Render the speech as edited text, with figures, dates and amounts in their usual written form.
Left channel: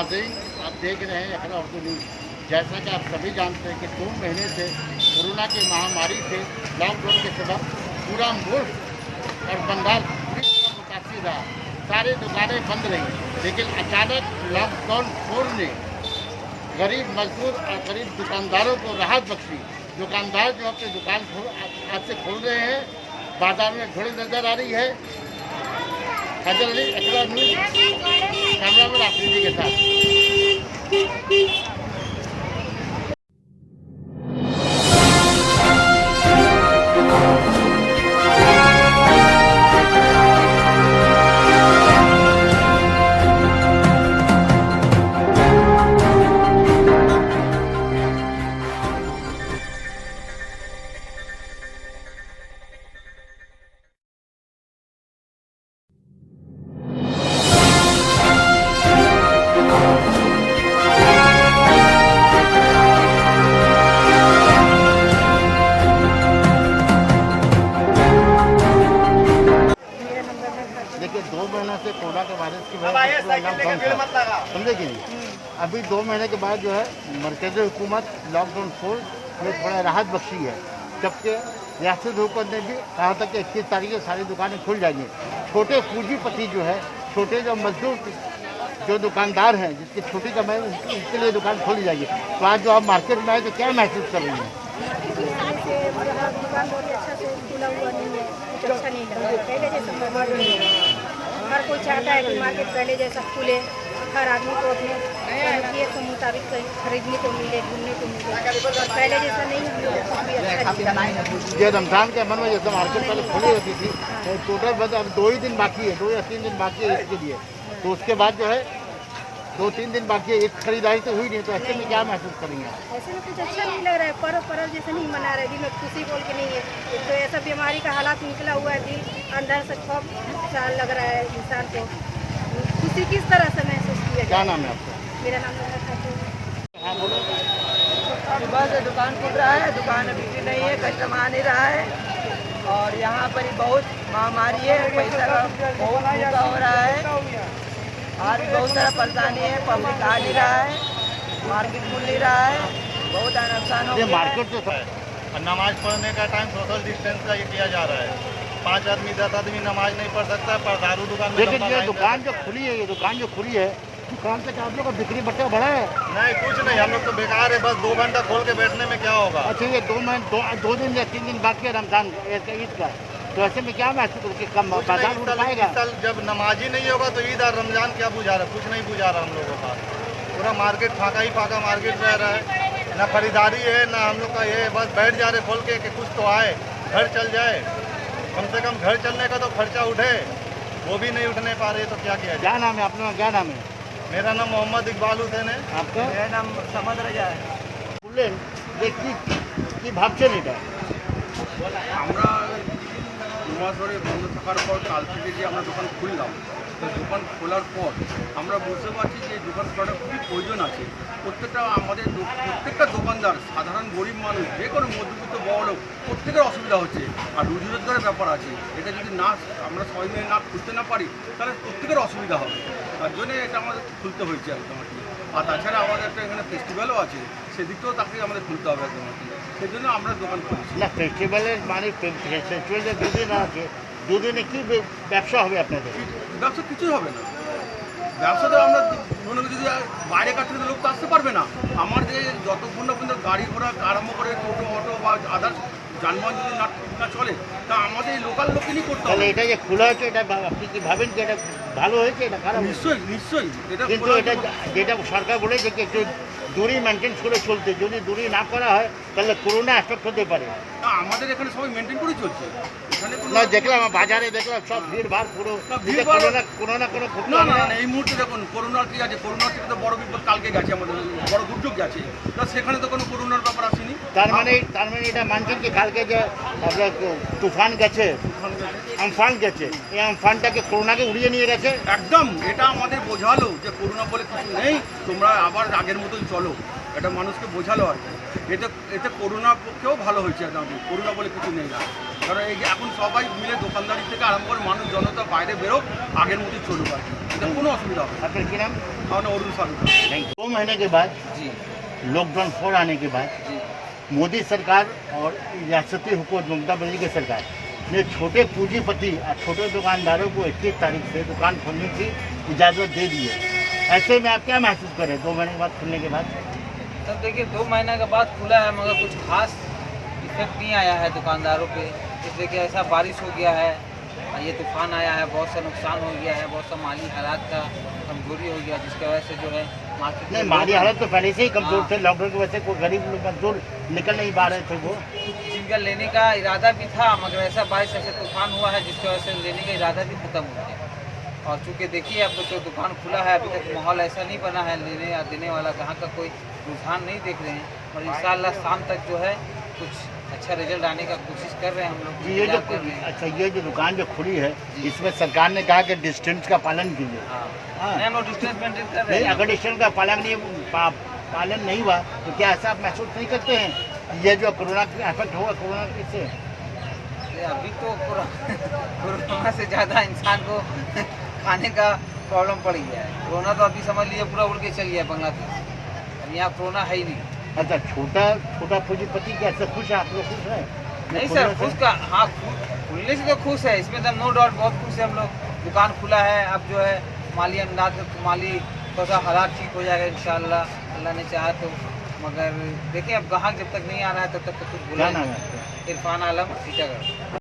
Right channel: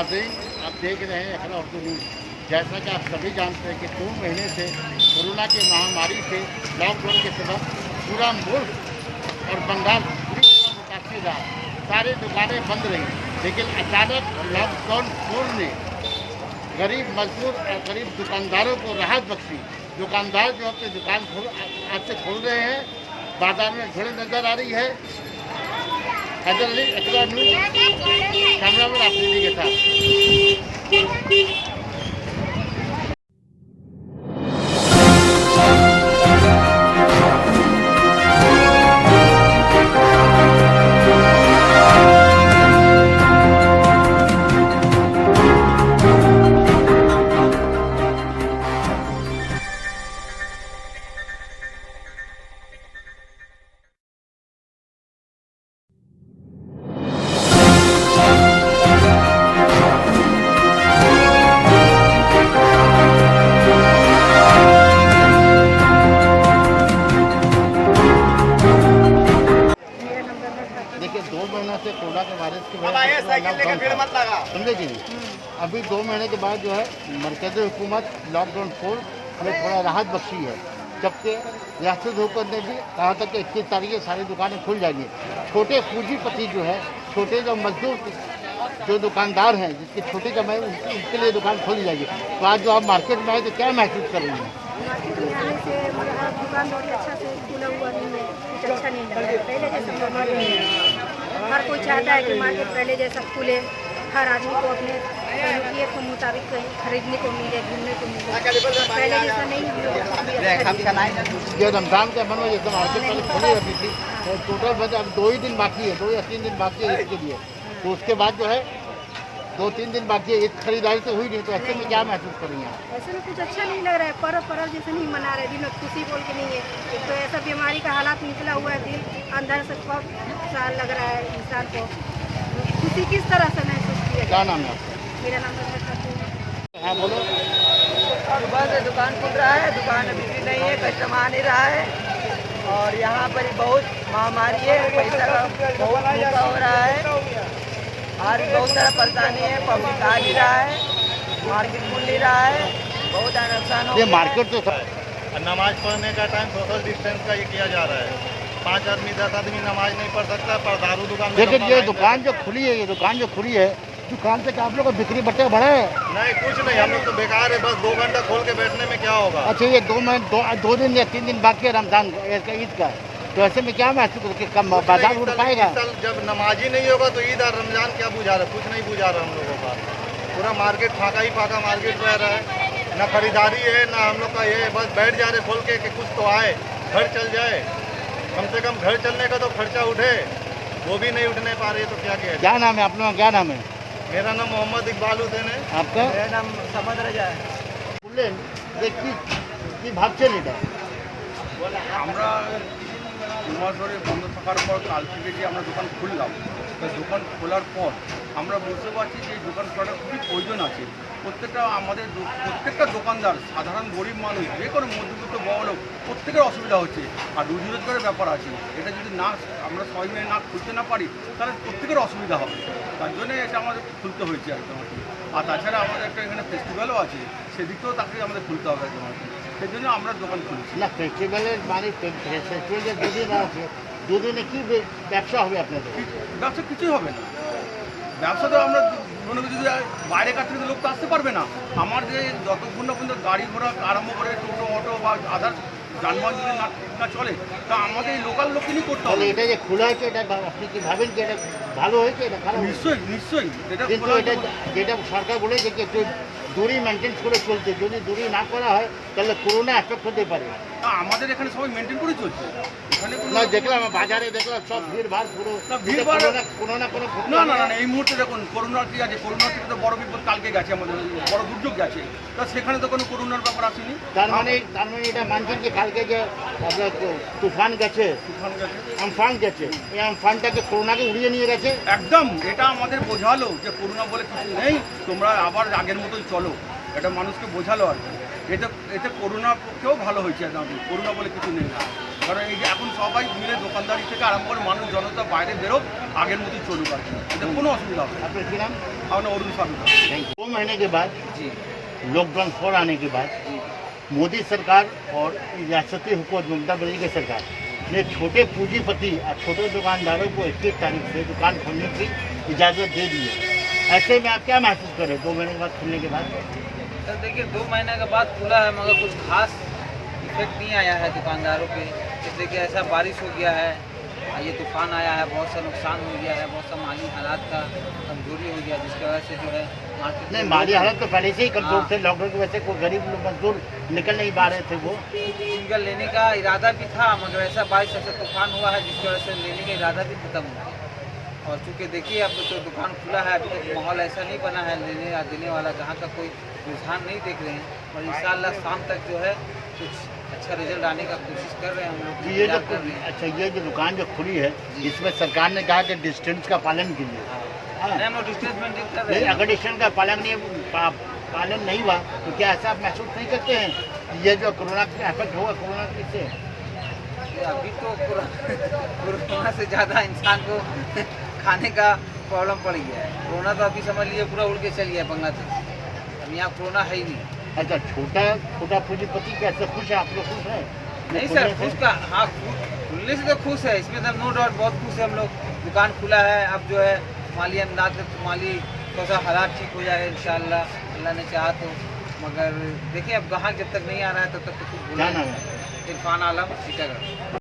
नाज़रीन, आप देख रहे हैं अखरा उर्दू न्यूज़। जैसा कि आप सभी जानते हैं कि 2 महीने से कोरोना की महामारी से लॉकडाउन के सबब पूरा मुल्क और बंगाल पूरी तरह मुतासिर रहा। सारी दुकानें बंद रहीं, लेकिन अचानक लॉकडाउन तोड़ने गरीब मजदूर और गरीब दुकानदारों को राहत बख्शी। दुकानदार जो अपनी दुकान आज से खोल रहे हैं, बाजार में भीड़ नजर आ रही है। हैदर अली, अखरा न्यूज़, कैमरामैन आफरीदी के साथ। देखिए, 2 महीने से कोरोना के वायरस की वजह से लॉकडाउन था, समझे कि नहीं। अभी 2 महीने के बाद जो है मरकज़ी हुकूमत लॉकडाउन खोल हमें थोड़ा राहत बख्शी है, जबकि रियासती हुकूमत ने भी कहा था कि 21 तारीख से सारी दुकानें खुल जाएंगी। छोटे पूंजीपति जो है, छोटे जो मजदूर जो दुकानदार हैं, जिसकी छोटी कमाई उनके लिए दुकान खोली जाएगी। तो आज जो आप मार्केट में आए तो क्या महसूस कर रही हैं? मार्केट में आने से मेरा दुकान थोड़ी अच्छा से खुला हुआ नहीं है, कुछ अच्छा नहीं लग रहा है। पहले जैसा माहौल नहीं है। हर कोई चाहता है कि मार्केट पहले जैसा खुले, हर आदमी को अपने सहूलियत के मुताबिक कहीं खरीदने को मिले, घूमने को मिले। और पहले जैसा नहीं, हम लोग को कुछ भी अच्छा नहीं है। जो रमजान के मन में जैसे मार्केट पहले खुली रहती थी, तो टोटल बंद, अब 2 ही दिन बाकी है, 2 या 3 दिन बाकी है इसके लिए। तो उसके बाद जो है 2-3 दिन बाकी है, एक खरीदारी तो हुई नहीं। तो ऐसे में क्या महसूस करेंगे? ऐसे में कुछ अच्छा नहीं लग रहा है। पर्व जैसे नहीं मना रहे, दिल में खुशी बोल के नहीं है। एक तो ऐसा बीमारी का हालात निकला हुआ है, दिल अंदर से खौफ सा लग रहा है इंसान को। खुशी किस तरह से महसूस किया? क्या नाम है आपका? मेरा नाम है खातून। सुबह से दुकान खुल रहा है, दुकान में बिक्री नहीं है, कस्टमर आ नहीं रहा है। और यहाँ पर ही बहुत महामारी है, पैसा का बहुत धोखा हो रहा है। आज बहुत सारा परेशानी है, पब्लिक आ नहीं रहा है, मार्केट खुल नहीं रहा है, बहुत नुकसान हो गया है। नमाज पढ़ने का टाइम सोशल डिस्टेंस का ये किया जा रहा है। 5 आदमी 10 आदमी नमाज नहीं पढ़ सकता, पर दारू दुकान में ये दुकान जो खुली है, ये दुकान जो खुली है, दुकान से आप लोग का बिक्री बट्टे बढ़ा है? नहीं, कुछ नहीं, हम लोग तो बेकार है। बस 2 घंटा खोल के बैठने में क्या होगा। अच्छा, ये 2 दिन या 3 दिन बाकी है रमजान ईद का, तो ऐसे में क्या महसूस करके कम बाजार पाएगा? इस साल जब नमाज ही नहीं होगा तो ईद और रमजान क्या बुझा रहा है? कुछ नहीं बुझा रहा हम लोगों का। पूरा मार्केट फाका ही फाका मार्केट रह रहा है, ना खरीदारी है ना हम लोग का ये। बस बैठ जा रहे खोल के कि कुछ तो आए, घर चल जाए। कम से कम घर चलने का तो खर्चा उठे, वो भी नहीं उठने पा रहे, तो क्या किया जाए? क्या नाम है अपना? क्या नाम है? मेरा नाम मोहम्मद इकबाल हुसैन है। आपका? मेरा नाम समझ रजा है। বললেন যে কি ভাবছেন এটা? আমরা 2 মাস ধরে বন্ধ থাকার পর কাল থেকে যে আমরা দোকান খুললাম, তো দোকান খোলার পর আমরা বুঝতে পারছি যে এই দোকান খোলাটা খুবই প্রয়োজন আছে। প্রত্যেকটা দোকানদার, সাধারণ গরিব মানুষ, যে কোনো মধ্যবিত্ত বড়লোক, প্রত্যেকের অসুবিধা হচ্ছে। আর রুজি রোজগারের ব্যাপার আছে, এটা যদি না আমরা সবাই মিলে না খুলতে না পারি তাহলে প্রত্যেকের অসুবিধা হবে। তার জন্য এটা আমাদের খুলতে হয়েছে একদম আর কি। আর তাছাড়া আমাদের একটা এখানে ফেস্টিভ্যালও আছে, সেদিকটাও তাকে আমাদের খুলতে হবে একদম আর কি। সেই জন্য আমরা দোকান খুলছি। না, ফেস্টিভ্যালের মানে ফেস্টিভ্যাল যে 2 দিন আছে, 2 দিনে কি ব্যবসা হবে আপনাদের? ব্যবসা কিছুই হবে না। ব্যবসাতে আমরা মনে করি যদি বাইরে কাছ থেকে লোক তো আসতে পারবে না। আমার যে যতক্ষণ না পর্যন্ত গাড়ি ঘোড়া আরম্ভ করে টোটো অটো বা আদার্স যানবাহন যদি না ঠিক না চলে, তা আমাদের এই লোকাল লোকেরই করতে হবে। এটা যে খোলা হয়েছে, এটা আপনি কি ভাবেন যে এটা ভালো হয়েছে? এটা খারাপ? নিশ্চয়ই এটা কিন্তু এটা যেটা সরকার বলেছে যে একটু দূরি মেনটেন করে চলতে, যদি দূরি না করা হয় তাহলে করোনা এফেক্ট হতে পারে। আমাদের এখানে সবাই মেনটেন করে চলছে। এখানে কোনো দেখলাম বাজারে দেখলাম সব ভিড় ভাড় পুরো ভিড়ভাড় কোনো না কোনো না এই মুহূর্তে দেখুন করোনার ঠিক আছে, করোনার থেকে তো বড় বিপদ কালকে গেছে, আমাদের বড় দুর্যোগ গেছে, তা সেখানে তো কোনো করোনার ব্যাপার আসেনি। তার মানে এটা মানছেন যে কালকে যে আপনার তুফান গেছে, আমফান গেছে, এই আমফানটাকে করোনাকে উড়িয়ে নিয়ে গেছে একদম। এটা আমাদের বোঝালো যে করোনা বলে কিছু নেই, তোমরা আবার আগের মতোই চলো, এটা মানুষকে বোঝালো আর কি। এতে করোনার পক্ষেও ভালো হয়েছে একদম, করোনা বলে কিছু নেই আর। কারণ এই যে এখন সবাই মিলে দোকানদারি থেকে আরম্ভ করে মানুষ জনতা বাইরে বেরোক, আগের মতোই চলুক আর কি, এতে কোনো অসুবিধা হবে না। आपका क्या नाम? আমার নাম অরুণ সাধুকা। 2 महीने के बाद जी लॉकडाउन 4 आने के बाद जी मोदी सरकार और रियासती हुकूमत ममता बनर्जी की सरकार ने छोटे पूंजीपति और छोटे दुकानदारों को 21 तारीख से दुकान खोलने की इजाज़त दे दी है। ऐसे में आप क्या महसूस करें 2 महीने के बाद खुलने के बाद? सर देखिए 2 महीने के बाद खुला है मगर कुछ खास इफेक्ट नहीं आया है दुकानदारों पे, इसलिए कि ऐसा बारिश हो गया है, ये तूफान आया है, बहुत सा नुकसान हो गया है, बहुत सा माली हालात का कमजोरी हो गया, जिसकी वजह से जो है मार्केट नहीं, माली हालत तो पहले से ही कमजोर थे। लॉकडाउन की वजह से कोई गरीब लोग मजदूर निकल नहीं पा रहे थे। वो जिनका लेने का इरादा भी था मगर ऐसा बारिश ऐसे तूफान हुआ है जिसकी वजह से लेने का इरादा भी खत्म हो गया। और चूँकि देखिए अब तो दुकान खुला है, अभी तक माहौल ऐसा नहीं बना है, लेने या देने वाला जहाँ का कोई रुझान नहीं देख रहे हैं, और इंशाअल्लाह शाम तक जो है कुछ अच्छा रिजल्ट आने का कोशिश कर रहे हैं हम लोग, ये जो इंतजार कर रहे हैं। अच्छा, ये जो दुकान जो खुली है इसमें सरकार ने कहा कि डिस्टेंस का पालन कीजिए। हाँ हाँ। नहीं, हम लोग डिस्टेंस मेंटेन कर रहे नहीं, हैं। अगर डिस्टेंस का पालन नहीं हुआ तो क्या ऐसा आप महसूस नहीं करते हैं ये जो कोरोना का इफेक्ट होगा कोरोना से? अभी तो कोरोना से ज़्यादा इंसान को खाने का प्रॉब्लम पड़ गया है। कोरोना तो अभी समझ लीजिए पूरा उड़ के चल गया बांग्लादेश, अब यहाँ कोरोना है ही नहीं। अच्छा, छोटा पूंजीपति कैसे खुश है? आप लोग खुश है? नहीं सर, खुश का हाँ खुलने से तो खुश है, इसमें तो नो डाउट बहुत खुश है हम लोग। दुकान खुला है, अब जो है माली अंदाज माली थोड़ा सा हालात ठीक हो जाएगा इंशाअल्लाह, अल्लाह ने चाहा तो। मगर देखिए अब ग्राहक जब तक नहीं आ रहा है तब तक तो कुछ बोला क्या नाम नहीं। है? इरफान आलम, टीटागढ़।